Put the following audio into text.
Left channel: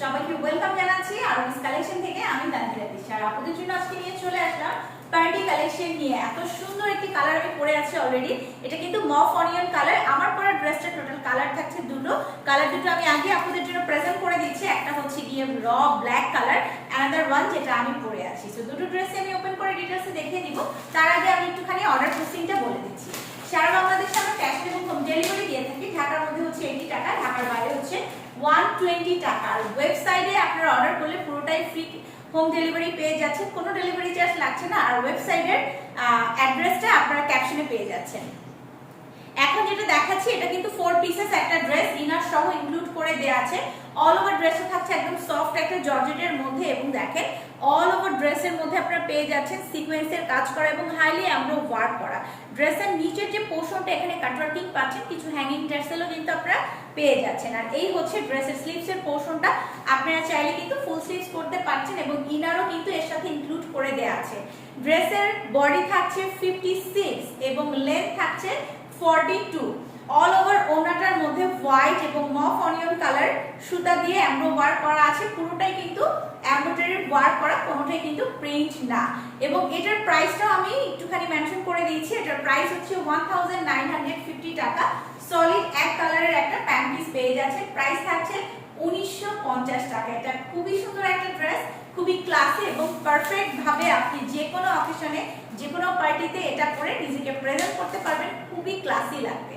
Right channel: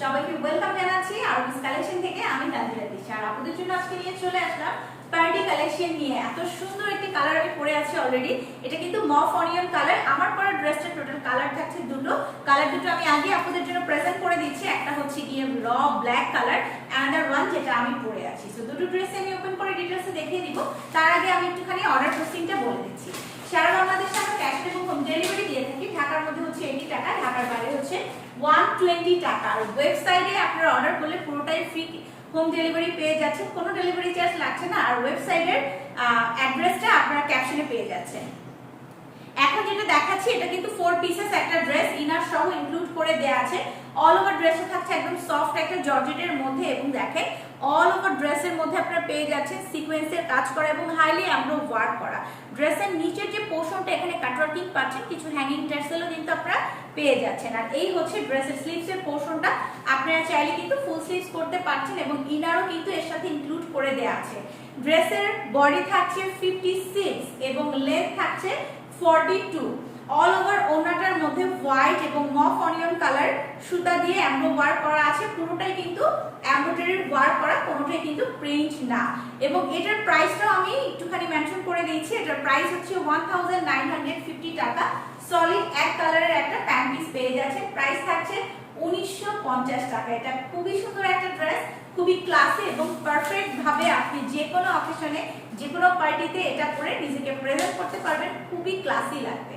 সবাইকে ওয়েলকাম জানাচ্ছি আরবিস কালেকশন থেকে। আমি তানজিলা তিশা আর আপনাদের জন্য আজকে নিয়ে চলে আসলাম পার্টি কালেকশন নিয়ে। এত সুন্দর একটি কালার আমি পরে আছি অলরেডি। এটা কিন্তু মফ অনিয়ন কালার। আমার পরা ড্রেসটা টোটাল কালার থাকছে দুটো। কালার দুটো আমি আগে আপনাদের জন্য প্রেজেন্ট করে দিচ্ছি। একটা হচ্ছে গিয়ে র ব্ল্যাক কালার, অ্যানাদার ওয়ান যেটা আমি পরে আছি। সো দুটো ড্রেসে আমি ওপেন করে ডিটেইলসে দেখিয়ে দিব। তার আগে আমি একটুখানি অর্ডার প্রসেসিংটা বলে দিচ্ছি। সারা বাংলাদেশে আমরা ক্যাশ এবং হোম ডেলিভারি দিয়ে থাকি। ঢাকার মধ্যে হচ্ছে 80 টাকা, ঢাকার বাইরে হচ্ছে 120 টাকা। আর ওয়েবসাইটে আপনারা অর্ডার করলে পুরোটাই ফ্রি হোম ডেলিভারি পেয়ে যাচ্ছেন, কোনো ডেলিভারি চার্জ লাগছে না। আর ওয়েবসাইটের অ্যাড্রেসটা আপনারা ক্যাপশনে পেয়ে যাচ্ছেন। এখন যেটা দেখাচ্ছি এটা কিন্তু 4 পিসেস একটা ড্রেস, ইনার সহ ইনক্লুড করে দেয়া আছে। অল ওভার ড্রেসে থাকছে একদম সফট একটা জর্জেটের মধ্যে, এবং দেখেন অল ওভার ড্রেসের মধ্যে আপনারা পেয়ে যাচ্ছেন সিকোয়েন্সের কাজ করা এবং হাইলি এমব্রো ওয়ার্ক করা। ড্রেসের নিচের যে পোর্শনটা এখানে কাটওয়ার্কিং পাচ্ছেন, কিছু হ্যাঙ্গিং টার্সেলও কিন্তু আপনারা পেয়ে যাচ্ছেন। আর এই হচ্ছে ড্রেসের স্লিভসের পোর্শনটা। আপনারা চাইলে কিন্তু ফুল স্লিভস করতে পারছেন এবং ইনারও কিন্তু এর সাথে ইনক্লুড করে দেয়া আছে। ড্রেসের বডি থাকছে 56 এবং লেন্থ থাকছে 42। অল ওভার ওনাটার মধ্যে হোয়াইট এবং মফ অনিয়ন কালার সুতা দিয়ে এমব্রো ওয়ার্ক করা আছে। পুরোটাই কিন্তু এমব্রয়ডারি ওয়ার্ক করা, কোনোটাই কিন্তু প্রিন্ট না। এবং এটার প্রাইসটাও আমি একটুখানি মেনশন করে দিয়েছি। এটার প্রাইস হচ্ছে 1950 টাকা। সলিড এক কালারের একটা প্যান্ট পিস পেয়ে যাচ্ছে। প্রাইস থাকছে 1950 টাকা। এটা খুবই সুন্দর একটা ড্রেস, খুবই ক্লাসি এবং পারফেক্ট ভাবে আপনি যে কোনো অকেশনে, যে কোনো পার্টিতে এটা পরে নিজেকে প্রেজেন্ট করতে পারবেন। খুবই ক্লাসি লাগবে।